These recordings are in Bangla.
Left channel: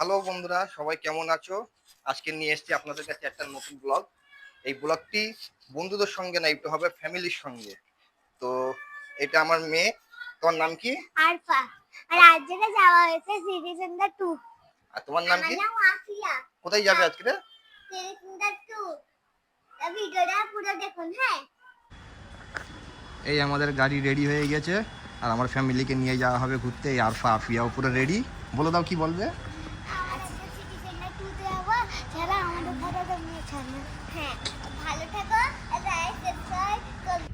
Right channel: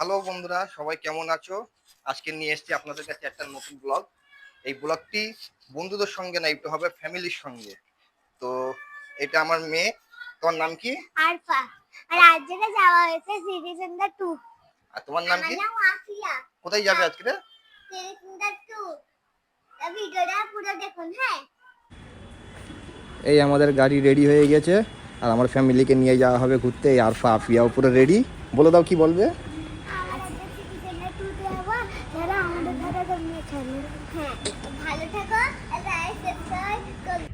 হ্যালো বন্ধুরা, সবাই কেমন আছো? আজকে নিয়ে এসেছি আপনাদের কাছে একটা নতুন ব্লগ। এই ব্লগটি বন্ধুদের সঙ্গে না, একটু হবে ফ্যামিলির সঙ্গে। তো এটা আমার মেয়ে। তোমার নাম কি? আরফা। আর আজকে যাওয়া হয়েছে সিটি সেন্টার 2। আর তোমার নাম কি? আমার নাম আফিয়া। কোথায় যাবে আজকে? City centre 2। এই ভিডিওটা পুরো দেখুন। হ্যাঁ, এই আমাদের গাড়ি রেডি হয়ে গেছে আর আমার ফ্যামিলিকে নিয়ে যাওয়া হবে ঘুরতে। এই আরফা আফিয়াও পুরো রেডি। বলে দাও কি বলবে? আজকে সিটি সেন্টার 2 তে যাবো। যারা আমাদের সাথে তোমরা চলো। হ্যাঁ, ভালো থেকো। লাইক সাবস্ক্রাইব করো।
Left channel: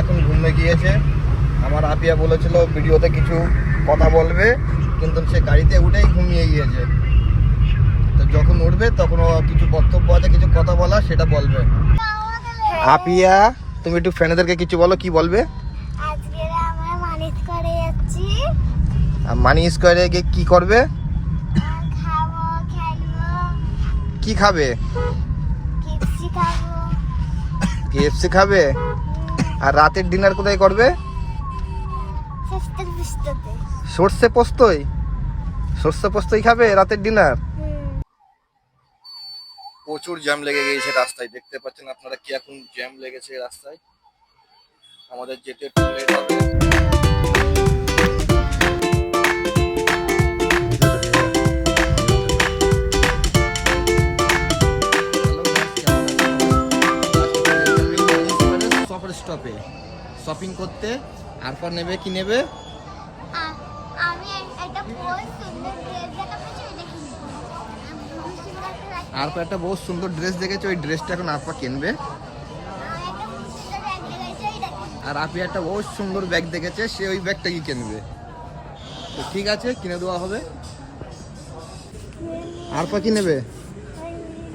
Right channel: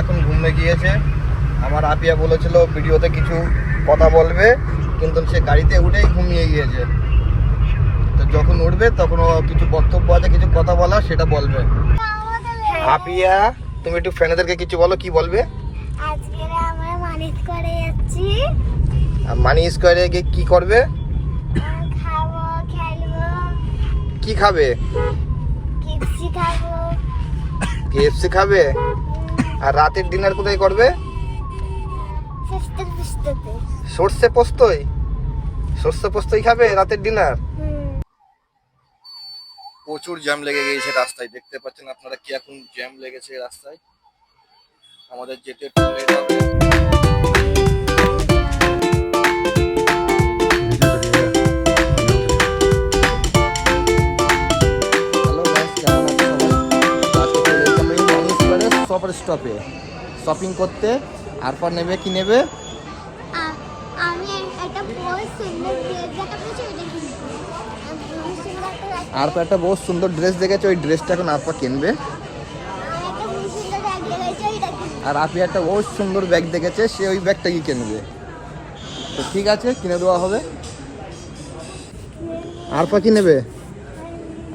এখন ঘুমে গিয়েছে। আমার আপিয়া বলেছিল ভিডিওতে কিছু কথা বলবে, কিন্তু সে গাড়িতে উঠেই ঘুমিয়ে গিয়েছে। তো যখন উঠবে তখন ও কিছু বক্তব্য আছে, কিছু কথা বলা, সেটা বলবে। আপিয়া, তুমি একটু ফ্যানেদেরকে কিছু বলো, কি বলবে? আজকে আমরা মানি স্কয়ারে যাচ্ছি। মানি স্কয়ারে গিয়ে কি করবে? খাবো, খেলবো। কি খাবে? কেএফসি খাবো। কেএফসি খাবে? আর রাতের ডিনার কোথায় করবে? সর্ষে পোস্তই? সর্ষে পোস্তই খাবে রাতের ডিনার? প্রচুর জ্যাম লেগে গিয়েছে রাস্তায়, দেখতে পাচ্ছেন আপনারা কি এখন জ্যাম লেগেছে রাস্তায়। আমাদের যেতে একটু লেট হবে। স্টপে শপিং করতে। আরপর নেবে কি নেবে? আমি একটা বহুত সুন্দর আরপর একটা বহুত সুন্দর ড্রেস দেখেছে, ওই ড্রেসটা এখন আরপর কিনবে। আর আপনি একটা বহুত সুন্দর ব্যাগ দেখেছে, সে ওই ব্যাগটাই কিনবে। তো ঠিক আছে, কিনে দেওয়া হবে। আরপা কি নেবে?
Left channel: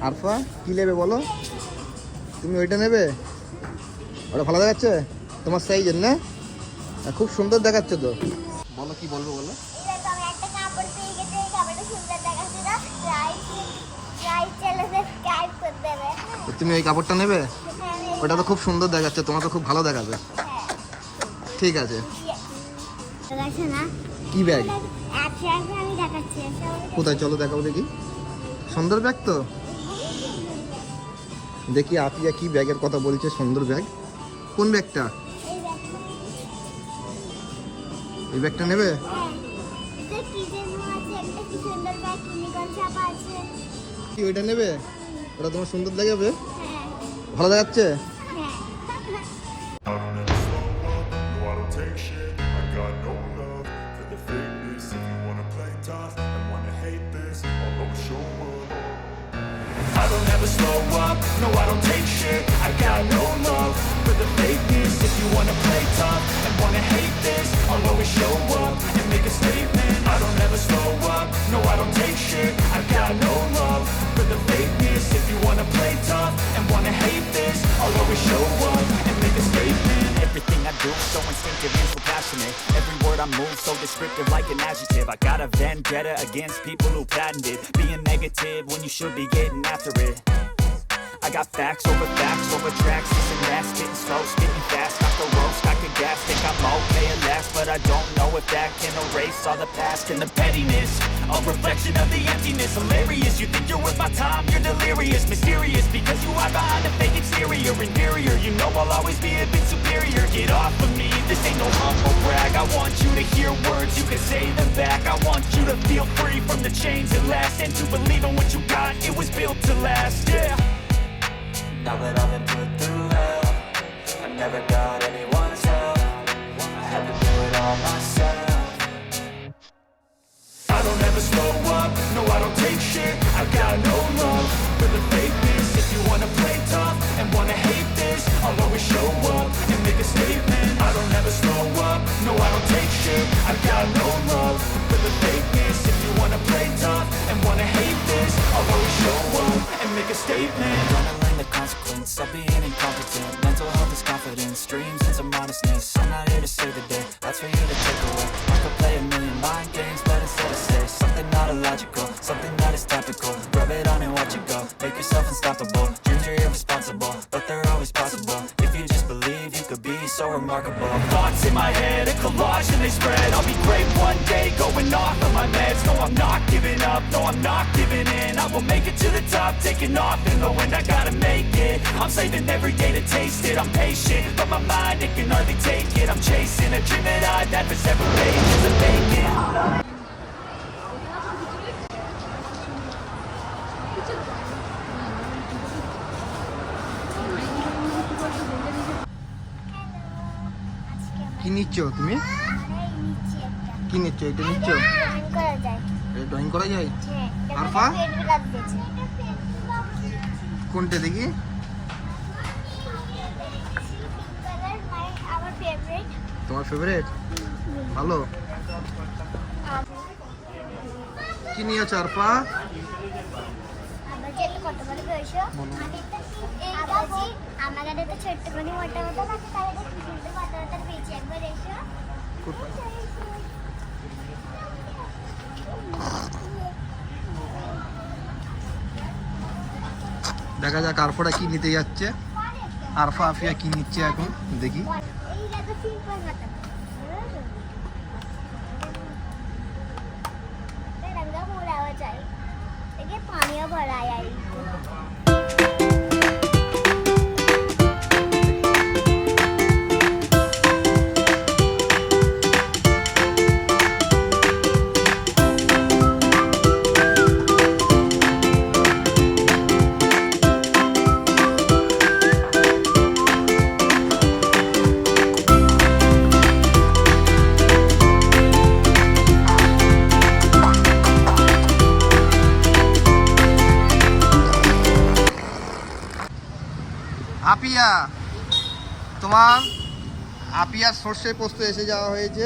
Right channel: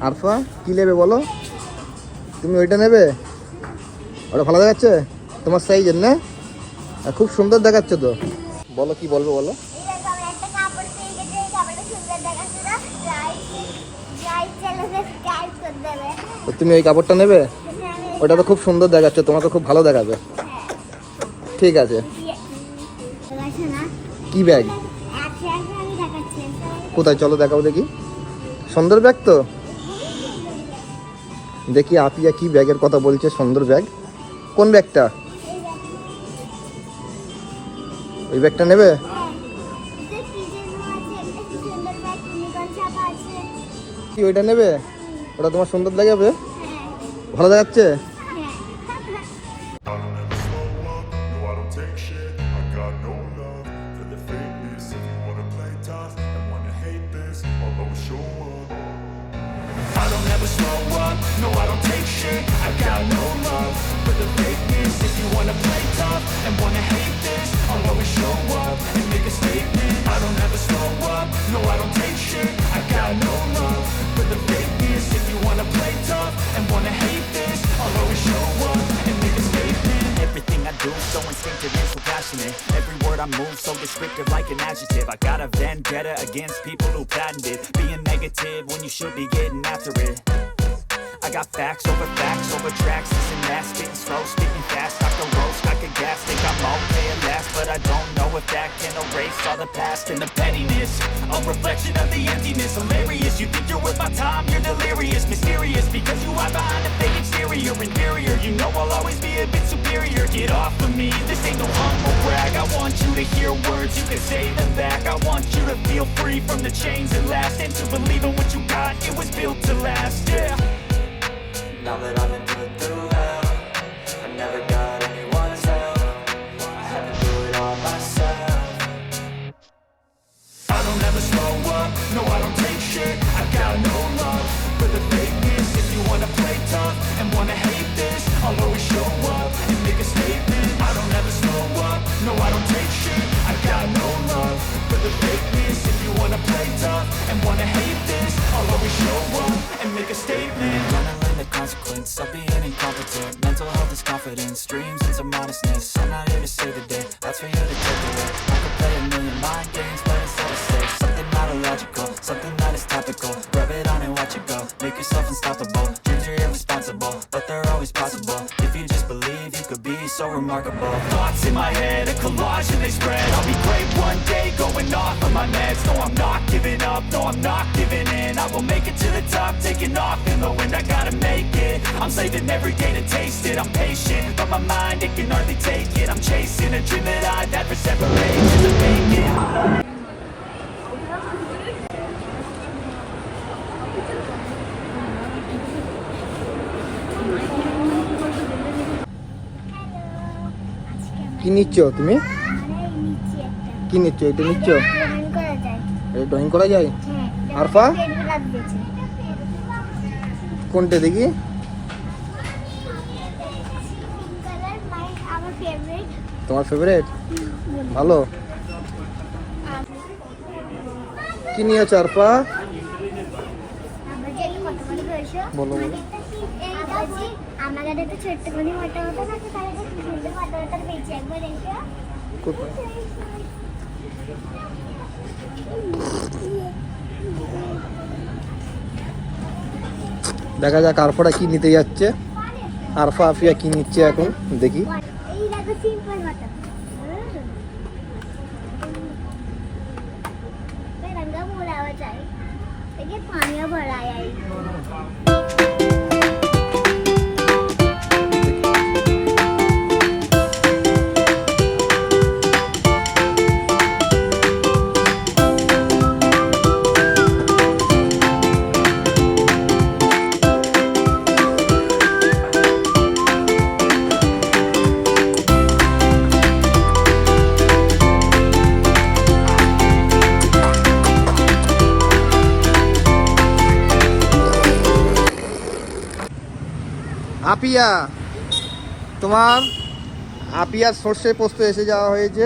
আরফা কি নেবে বলো? তুমি ওইটা নেবে? ওটা ভালো দেখাচ্ছে তোমার সাইজের না? খুব সুন্দর দেখাচ্ছে তো। বলো কি বলবে বলো। তো তুমি এই কাপড়টা নেবে? ওটা তো খুব সুন্দর দেখাচ্ছে, তোমাকে খুব ভালো দেখাবে। ঠিক আছে। কি ব্যাগ? কোথায়, চলো দেখাও দেখি। সুন্দর ব্যাগ তো। দেখি আপিয়া কি ব্যাগের কথা বলছে। সুন্দর ব্যাগ। কোন ব্যাগটা? ওই ব্যাগটা নেবে? কি ওইটা নেবে? ওটা তোমার সুন্দর দেখাবে, ভালো দেখাচ্ছে। I don't ever slow up, no I don't take shit. I got no love for the fakeness. If you wanna play tough and wanna hate this, I'll always show up and make a statement. I don't ever slow up, no I don't take shit. I got no love for the fakeness. If you wanna play tough and wanna hate this, I'll always show up and make a statement. Everything I do, so instinctive and so passionate. Every word I move, so descriptive like an adjective. I got a vendetta against people who patented being negative when you should be getting after it. I got facts over tracks, this and that, spitting slow, spitting fast, I could roast, I could gas, think I'm okay at last, but I don't know if that can erase all the past and the pettiness, a reflection of the emptiness, hilarious, you think you're worth my time, you're delirious, mysterious, because you hide behind a fake exterior, inferior, you know I'll always be a bit superior, get off of me, this ain't no humble brag, I want you to hear words, you can say them back, I want you to feel free from the chains that last, and to believe in what you got, it was built to last, yeah. Now that I've been put through hell, I never got anyone's help, I had to do it all myself. I don't ever slow up, no I don't take shit, I got no love for the fakeness. If you wanna play tough and wanna hate this, I'll always show up and make a statement. I don't ever slow up, no I don't take shit, I got no love for the fakeness. If you wanna play tough and wanna hate this, I'll always show up and make a statement. Gonna learn the consequence of being incompetent. Mental health is confidence. chasing streams and some honestness. I'm not here to save the day, that's for you to take away. I could play a million mind games, but instead I say something not illogical, something that is topical. Rub it on and watch it go, make yourself unstoppable. Dreams are irresponsible, but they're always possible. If you just believe, you could be so remarkable. Thoughts in my head, a collage and they spread. I'll be great one day, going off of my meds. No, I'm not giving up, no, I'm not giving in. I will make it to the top, taking off in the wind. I gotta make it, I'm saving every day to taste it. I'm patient, but my mind, it can hardly take it. I'm chasing a dream that I've had for 7 pages to make it. কি নিচ্ছ তুমি? কি নিচ্ছ? এটা নিচ্ছ? এটা ড্রয়িং করা যায়? আরফা কোনটা দেখি? তোমার ফেভারিট? ভালো। কি নিয়েছ আরফা? বলো বলো। আমাদের তো ছোট্ট করে মোটা মোটা থাকে, তাহলে তো সুন্দর মোটা মোটা পেয়েছি একবার দেখো। দেখা যাক আরফাটা কি নিতে যাচ্ছে। আরফা আফিয়া কি নিচ্ছে এখন দেখি। এই দেখো সিম্পল মোটা। ये रंगा बोला हुआ चाहिए, देखिए पानी भरा है। আপিয়া, তোমার আপিয়ার সর্ষে পোস্ত এসে যাওয়া হয়েছে।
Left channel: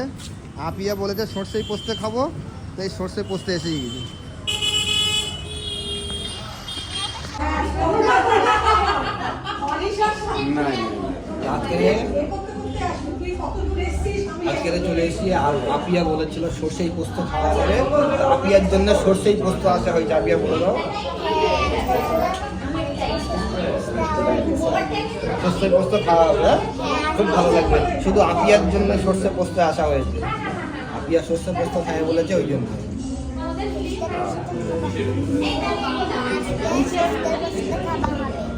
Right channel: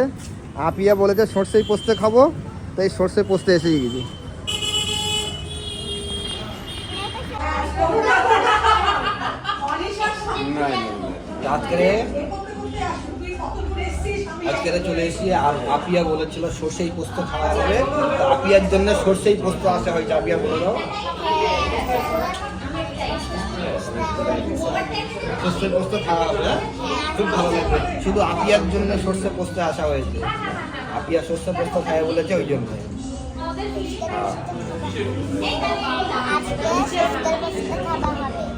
আপিয়া বলেছে সর্ষেই পোস্ত খাবো, তাই সর্ষে পোস্ত এসে গেছি। আজকে চলে এসেছি আর আপিয়া বলেছিল সর্ষেই পোস্ত খাওয়া হবে, আপিয়ার জন্য সর্ষেই পোস্ত আসা হয়েছে। আপিয়া বলে দাও। সর্ষে পোস্ত খাওয়া হবে, খুব ভালো লাগবে। শুধু আপিয়ার জন্য সর্ষে পোস্ত আসা হয়েছে। আপিয়া সর্ষে পোস্ত খায় বলেছে, ওই জন্য। আজকে সর্ষে পোস্ত খাওয়া হবে।